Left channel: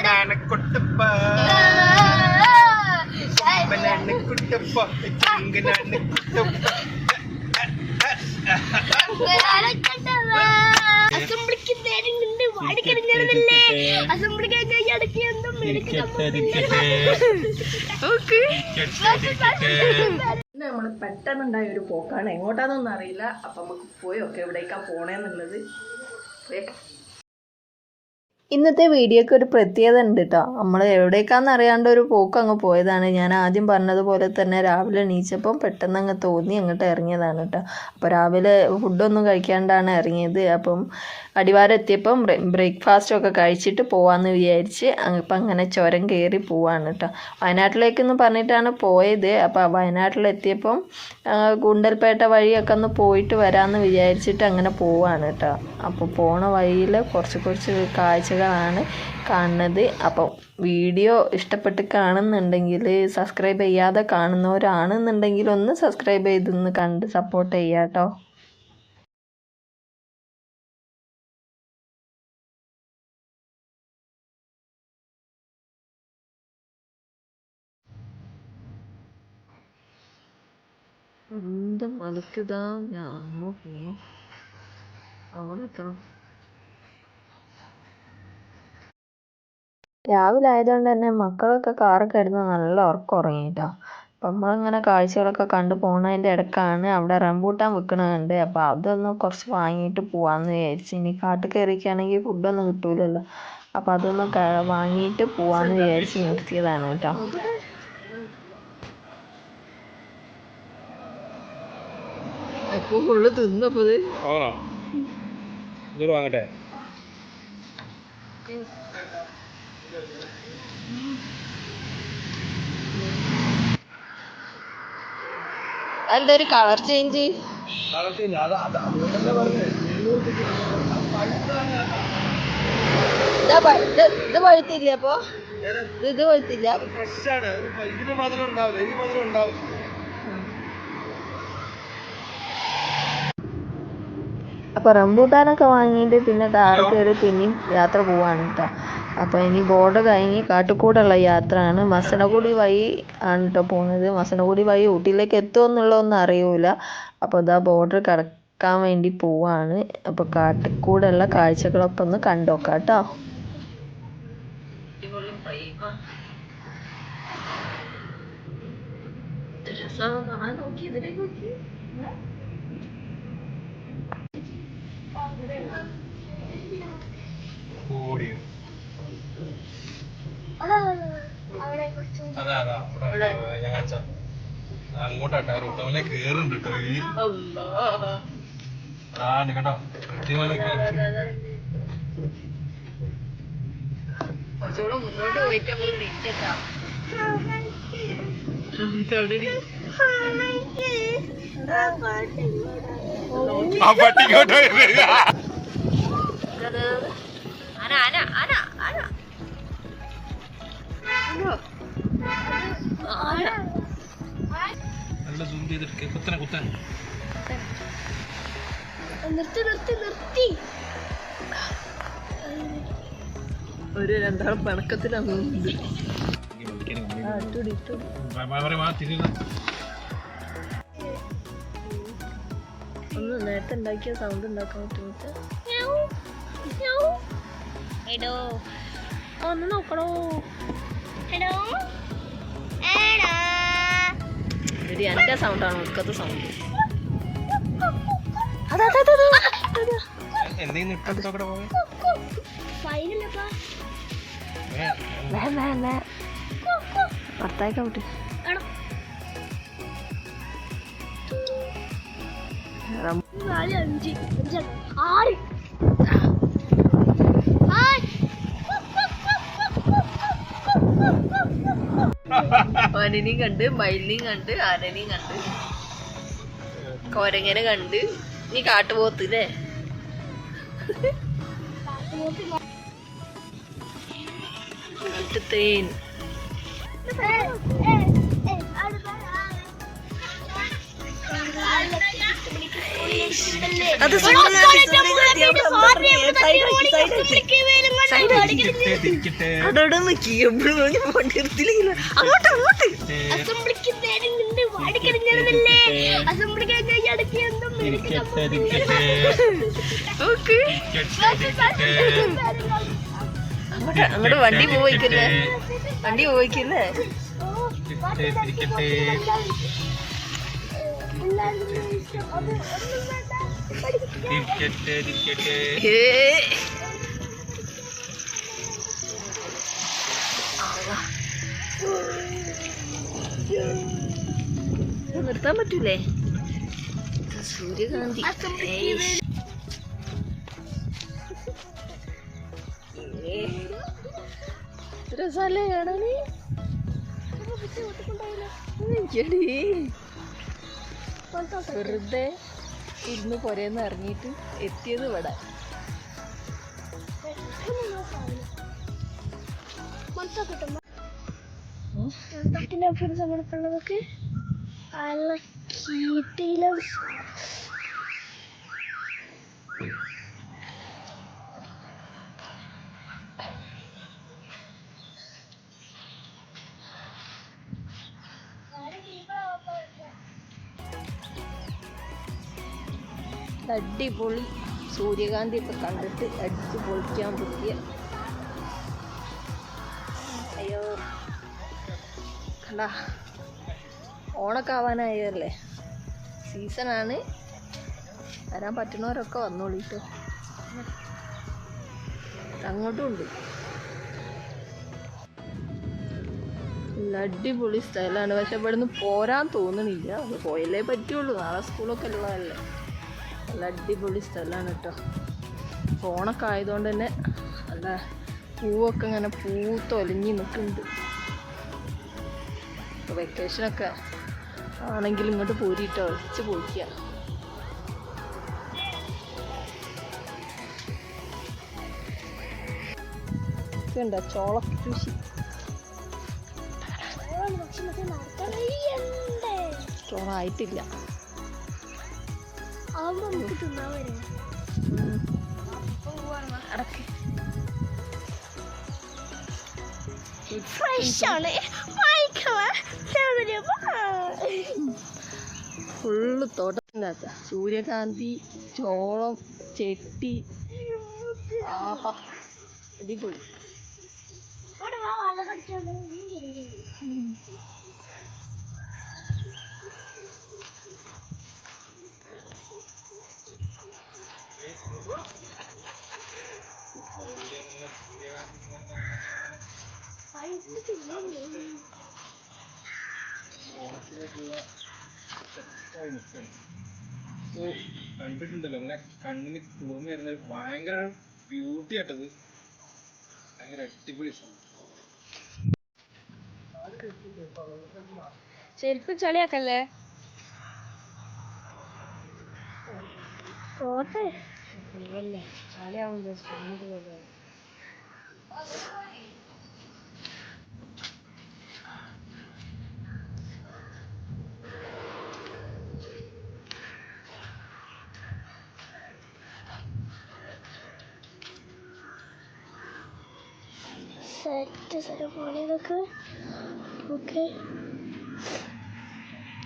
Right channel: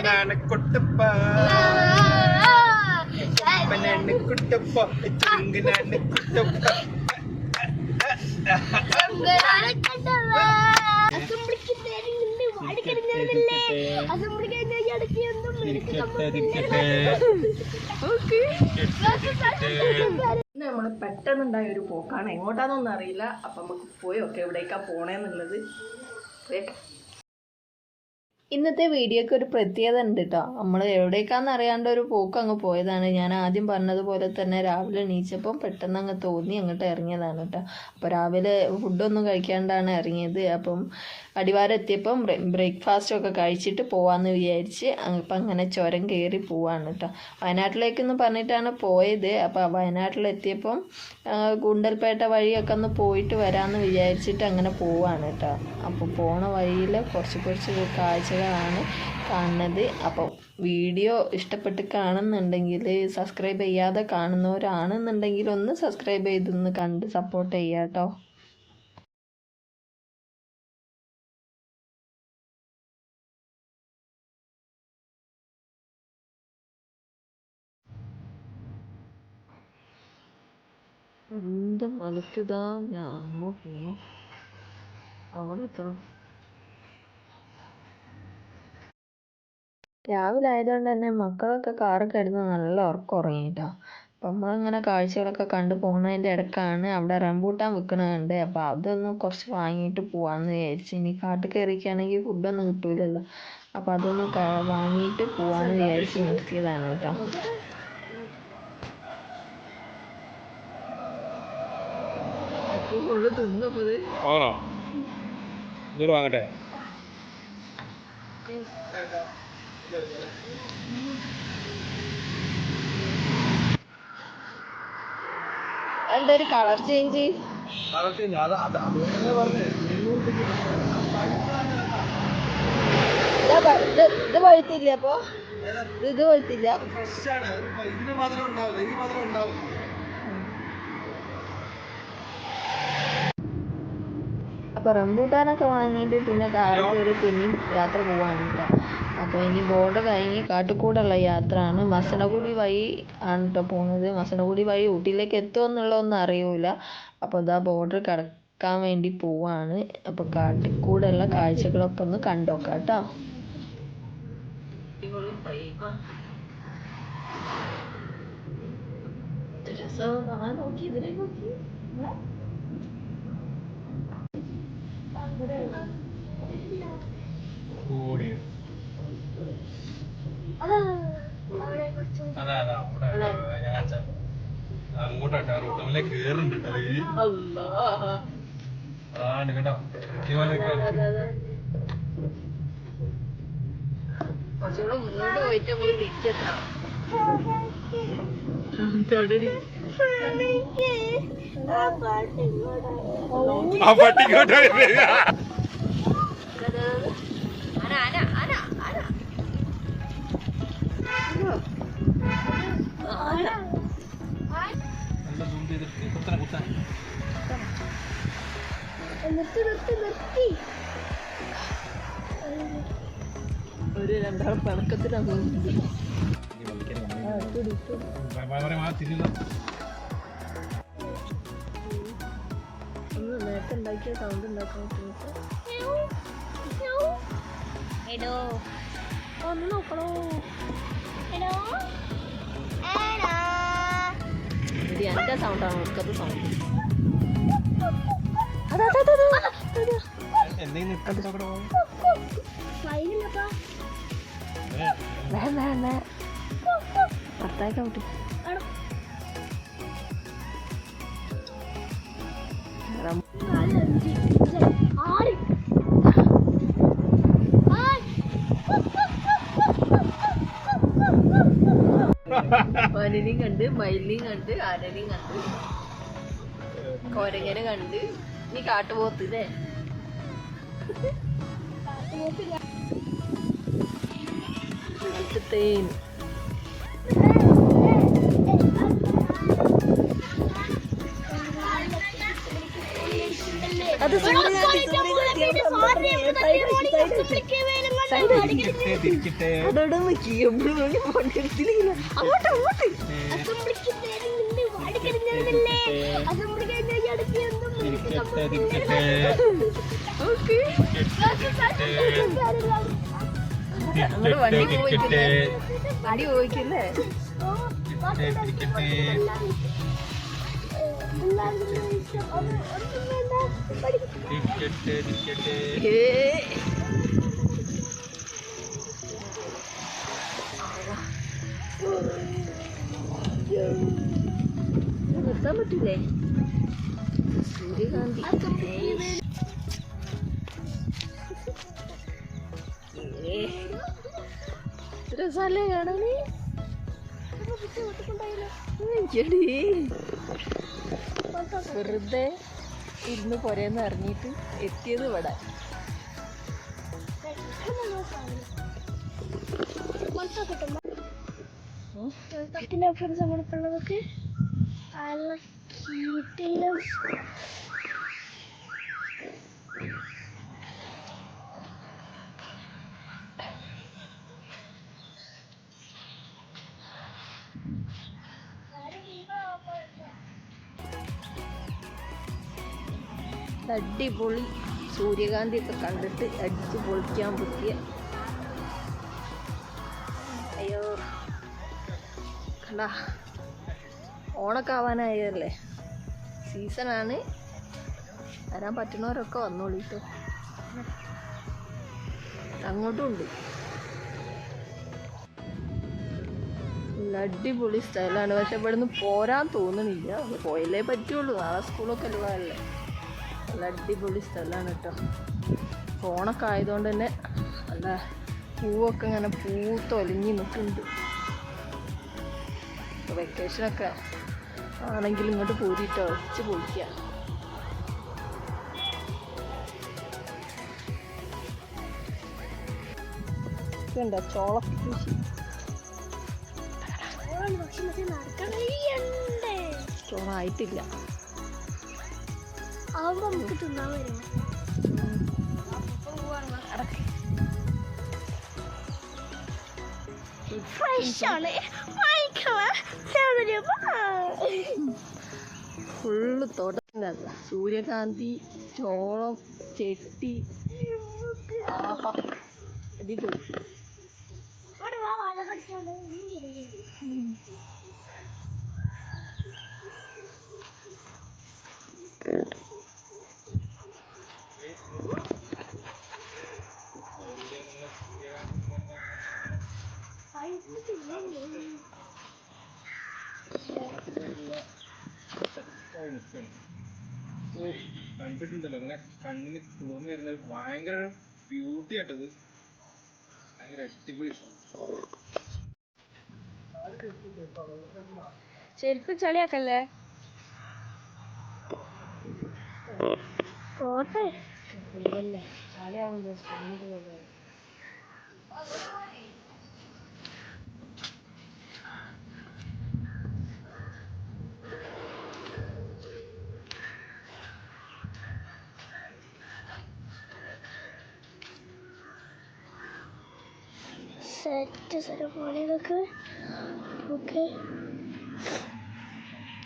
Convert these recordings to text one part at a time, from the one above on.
ആനാന കുട്ടപ്പ. കുട്ടപ്പ കുട്ടപ്പ. അസംബ്ലിക്ക് നേരം കഴിഞ്ഞാൽ ഇടയ്ക്ക് നമ്മൾ പെട്ടെന്നുണ്ടായ ഒരു പോക്കാണ്. എങ്ങോട്ടാന്നൊന്നും അറിയില്ല. അപ്പം നമുക്ക് പോയി ഒക്കെ എവിടേക്കാ പോണേന്നുള്ളത്. പോയേക്കാം ഇന്നത്തെ വീഡിയോയ്ക്ക് ഒരു പ്രത്യേകത ഉണ്ട് കേട്ടോ നമ്മൾ എവിടേക്കാന്ന് അറിയാണ്ട് ഒരു പോക്ക് അങ്ങ് പോയതാണ്. ഞാൻ ആദ്യം പറഞ്ഞതുപോലെ തന്നെ രാവിലെ എണീച്ചപ്പം പെട്ടെന്ന് അങ്ങ് തോന്നി അങ്ങോട്ട് ഇറങ്ങിയതാണ് കേട്ടോ അപ്പോൾ രാവിലെ ഫുഡൊന്നും കഴിക്കാണ്ടാണ് ഇറങ്ങിയത്. അപ്പം അടിവാരം എത്തിയപ്പം ബ്രേക്ക്ഫാസ്റ്റ് ഒക്കെ കഴിച്ചിട്ട് പോവാന്ന് വിചാരിച്ച് അപ്പം അങ്ങനെ ചുരം കയറി പോവാണ് കേട്ടോ വയനാട്ടിലേക്കെന്ന് പറഞ്ഞിട്ടാണ് പോയത്. അപ്പോൾ വയനാട്ടിലെത്തിയപ്പം ഗുണ്ടൽപേട്ട വഴിയൊക്കെ ഒന്ന് പോയിട്ട് വരാമെന്ന് വിചാരിച്ചിട്ട് അങ്ങനെ പോവാണ് കേട്ടോ അപ്പോൾ പോണ വഴിയിൽ കുറച്ച് കുറച്ച് കാഴ്ചകളാണ് കാണുന്നത്. അപ്പോൾ വീഡിയോ ഇഷ്ടപ്പെട്ട് കാണുന്നുണ്ടെങ്കിൽ സബ്സ്ക്രൈബ് ചെയ്യാതെ കാണുന്നവരാണെന്നുണ്ടെങ്കിൽ ഒന്ന് സബ്സ്ക്രൈബ് ചെയ്തൊന്ന് കണ്ട് സപ്പോർട്ട് ചെയ്യാട്ടോ എന്തും അതൊക്കെ ഇതാ ഞാൻ അങ്ങോട്ട് പോകണം അവിടെ എത്തണം. രാവിലെ ആയതുകൊണ്ട് തന്നെ മക്കളൊക്കെ കാറിൽ കിടന്ന് നല്ല ഉറക്കം ഉറങ്ങിട്ടോ അപ്പം നമ്മളിങ്ങനെ കാഴ്ചകളൊക്കെ കണ്ടു പോണതിന്റെ ഇടക്കാണ് അവിടെ റംബൂട്ടാൻ വിൽക്കണതുണ്ട് അപ്പോൾ അതൊന്ന് കുറച്ച് വാങ്ങിയിട്ട് പോവാമെന്ന് വിചാരിച്ചു. ഇനി കാട്ടിൽ കയറിയൊക്കെയാണെങ്കിൽ ഫുഡൊന്നും കിട്ടൂലല്ലോ. അപ്പോൾ അതൊന്ന് വാങ്ങിയിട്ട് പോവാമെന്ന് വിചാരിച്ച് നിർത്തിയതാണ് കേട്ടോ. അപ്പോൾ ഫുള്ള് തിന്നപ്പോൾ കളർ ചേഞ്ച്? Colour change. ഇത് പഴുത്തില്ല അപ്പൊ? ഇത് പഴുത്തില്ല. ഇതിന് മധുരം ഉണ്ടാവില്ല. ഇതിന് മധുരം ഉണ്ടാവും അപ്പൊ റംബൂട്ടാനൊക്കെ വാങ്ങിയിട്ട് പിന്നെ താഴെ കയറി പിന്നെയും യാത്ര പോവാണ് കേട്ടോ അപ്പൊ ഇനി ബോർഡർ കഴിഞ്ഞ് കാട്ടുകൂടുള്ള യാത്രയാണ്. മസനഗുഡി വഴി ആണ് കേട്ടോ പോകുന്നത് മസനഗുഡി വഴി ഊട്ടിയിലേക്ക് എത്തുമോ എന്നുള്ളതൊന്നും അറിയൂല. അപ്പൊ ഇതാ ബോർഡർ കടക്കാൻ വേണ്ടി പോവാണ്. അപ്പോൾ കാട്ടിക്കൂടുള്ള കാഴ്ചകളൊക്കെ ഒന്ന് കണ്ടോക്കാം കേട്ടോ നോക്കി ഇതിലേക്ക് നോക്കി അവിടെ കുറച്ച് അതാ അതാ. ഞാൻ കാണിച്ച അങ്ങോട്ടാട്ടോ റൂട്ടമിലെ കേറുണ്ട് കേട്ടോ ഈ. ഉണ്ട് കേട്ടോ. കുറച്ചുകൂടെ മുന്നോട്ട് പോയിട്ട് നമ്മൾ തിരിച്ചെത്താം. ആന ആന ആന. ആന? നല്ല സൂം ചെയ്തിട്ട് കുത്തനെ കുത്തനെ. നിർത്തി നിർത്തി നിർത്തി. ഒരു രണ്ടാൾ പണക്കത്തിലാണ് ഒന്ന് നേരത്തെ ഉണ്ടാക്കിയ സൗണ്ട് ഉണ്ടാക്കാൻ പറ്റുമോ ഒന്ന് നോക്കണോ? ഇത് എന്റെ സൗണ്ടാണ് ഒക്കത്തെ സൗണ്ട് ഭർത്താക്കാൻ വിട്ടു. ആറ്. മാനിനെയും കണ്ട് മയിലിനെയും കണ്ട് ആനനെയും കണ്ട്. കോരങ്ങനെ കണ്ട്. നീ കാട്ടുപോത്ത് അല്ലേ കാട്ടുതേൻ. അത് സൂര്യകാന്തി സൂര്യകാന്തി സൈഡ് സൈഡ് അതോടെ നിക്കി എപ്പോഴും പണ്ടിരുത്തില്ല അങ്ങോട്ട് അങ്ങോട്ട്. അസംബ്ലിക്ക് നേരം നിന്ന് വാടിക്കറിഞ്ഞതല്ലേ അസംബ്ലിക്ക് ഇടയ്ക്ക് എന്തും നിർത്താൻ പറ്റൂലേ? സൂര്യകാന്തി. രസാലേ കാണാന്? വെറുതെ ഇരുന്ന് പുരയെന്ന് ഇറങ്ങിയിട്ട് എത്തിയത് ഇവിടെ. ഫ്രണ്ട്സ് നമ്മൾക്കുള്ളതൊക്കെ അലക്കിയിട്ടില്ല അടിപൊളി. സൂര്യകാന്തി ഒക്കെ കണ്ടിട്ട് അടിച്ച് പൊളിക്കാൻ പറ്റിയ അയ്യോ. കണ്ടാ. ഓണൊക്കെ ആവാനായല്ലേ സീസണാണ്. വരാൻ പറ്റുന്നവരൊക്കെ വന്നോളിട്ടോ അങ്ങോട്ടും ഉണ്ട്. അടിപൊളി സ്ഥലമാണ്. പക്ഷെ ഇവിടുന്ന് പോരാൻ തോന്നണില്ല അത് പോയല്ലേ പറ്റുള്ളൂ. നാളെ സ്കൂളൊക്കെ ഉള്ളതല്ലേ. നല്ല അടിപൊളി സ്ഥലമാണ് കേട്ടോ ഓണൊക്കെ ആയതുകൊണ്ട് തന്നെ നല്ല പൂവൊക്കെ ഇങ്ങനെ പൂത്തൊലിഞ്ഞ് നിൽക്കുന്നുണ്ട്. വെക്കേഷനൊക്കെ ആണെങ്കിൽ ഇങ്ങോട്ട് പോരിട്ടോ വെച്ച് പോയിക്കുക ഇതുണ്ടോ? ചോള കൃഷി. ചോള ആയിട്ടില്ല ആവുമ്പോ നമുക്ക് ഫുള്ള് തോട്ടത്തിനകത്ത. സൂര്യകാന്തി ചോളം ചെട്ടി. ആഹാ. അടിപൊളി കണ്ടിട്ടുണ്ടല്ലോ ഇങ്ങനെ കണ്ണിന് തൂമ വരുന്നത് ഭയങ്കര ബ്യൂട്ടി ആട്ടത് ഭയങ്കര അടിപൊളി ശരിക്കും ചളിയാക്കല്ലേ പോട്ടെ. ഇല്ലല്ലേ സെറ്റ് സെറമോണി ഇതൊക്കെ ഓക്കെ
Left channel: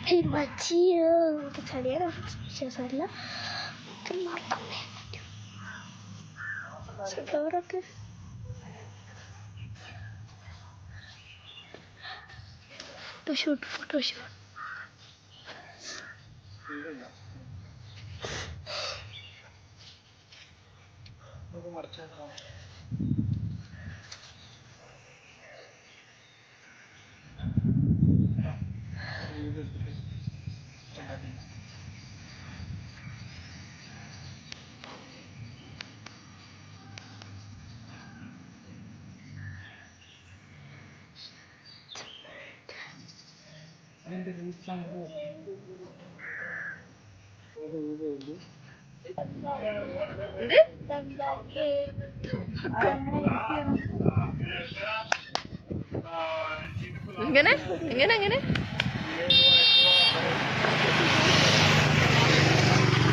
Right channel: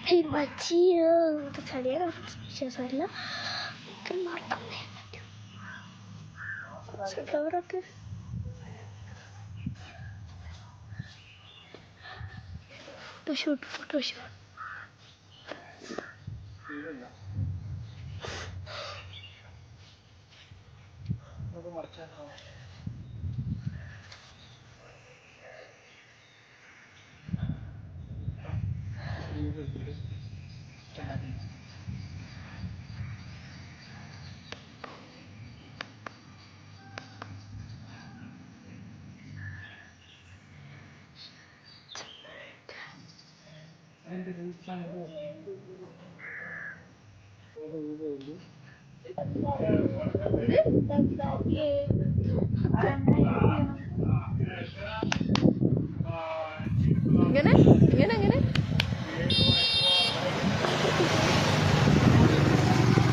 ഈ മച്ചി ചളിയാണ് വിശേഷമല്ല. ഒക്കെ നടത്തേ ഫ്ലവറൊക്കെ ഫോട്ടോഷൂട്ട് ഫോട്ടോഷൂട്ട് എങ്ങനെ എങ്ങനെ എങ്ങനെ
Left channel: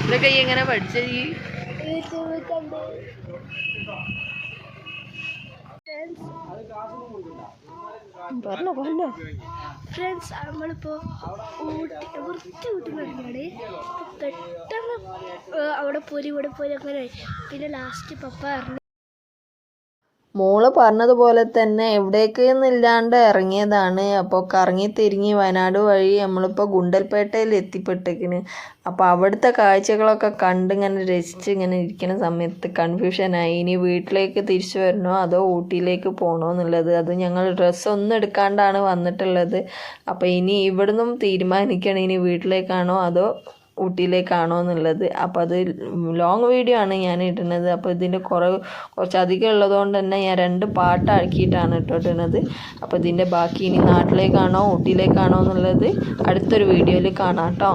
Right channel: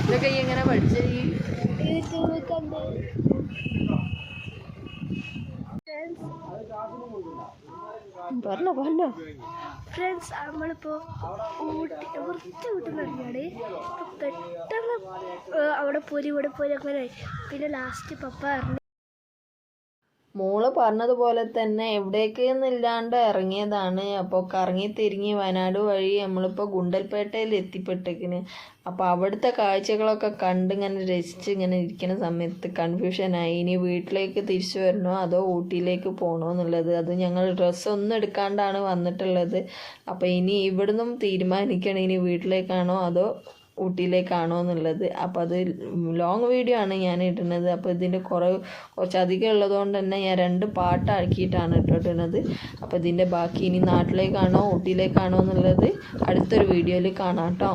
ഇതൊക്കെ ഈ എങ്ങനെ പഠിച്ച ഈ? യൂട്യൂബ് കണ്ട്. പറഞ്ഞോ പറഞ്ഞോ. ഫ്രണ്ട്സ് നമ്മളിപ്പോൾ ഊട്ടി വൃത്തി ഊട്ടുന്ന തുടങ്ങിയാണ് അപ്പോൾ പെട്ടെന്ന് അവിടെ പോലും ഇവിടെ പോലും അങ്ങനെ. പിന്നെ ലാസ്റ്റ് പപ്പ പറഞ്ഞു മോൾ പറഞ്ഞതുപോലെ തന്നെ എവിടേക്ക് എന്നില്ലാണ്ട് ഇറങ്ങിയതാണ്. അപ്പോൾ കറങ്ങി തിരിഞ്ഞ് വയനാട് വഴി നമ്മളിപ്പോൾ ഗുണ്ടൽപേട്ടയിൽ എത്തിപ്പെട്ടേക്കിന് അപ്പോൾ അവിടുത്തെ കാഴ്ചകളൊക്കെ കണ്ട് ഇങ്ങനെ രസിച്ച് ഇങ്ങനെ ഇരിക്കുന്ന സമയത്ത് കൺഫ്യൂഷനായി. ഇനി വീട്ടിലേക്ക് തിരിച്ചു വരണോ അതോ ഊട്ടിയിലേക്ക് പോകണോ എന്നുള്ളത്. അത് ഞങ്ങൾ ഡ്രസ്സ് ഒന്നും എടുക്കാണ്ടാണ് വന്നിട്ടുള്ളത്. അപ്പോൾ ഇനി ഇവിടുന്നും തീരുമാനിക്കണം? ഇനി വീട്ടിലേക്കാണോ? അതോ ഊട്ടിയിലേക്കാണോ എന്നുള്ളത്. അപ്പോൾ അത് ലോങ് വീഡിയോ ആണ് ഞാൻ ഇടുന്നത്. അപ്പോൾ ഇതിന്റെ കുറവ് കുറച്ചധികം ഉള്ളതുകൊണ്ട് തന്നെ ഞാൻ രണ്ട് പാട്ടാക്കിയിട്ടാണ് ഇട്ടിട്ടുള്ളത് അപ്പോൾ ഇതിന്റെ ബാക്കി ഇനി നാട്ടിലേക്കാണോ ഊട്ടിയിലേക്കാണോ എന്നുള്ളത് അടുത്തൊരു വീഡിയോയിൽ കാണാം കേട്ടോ.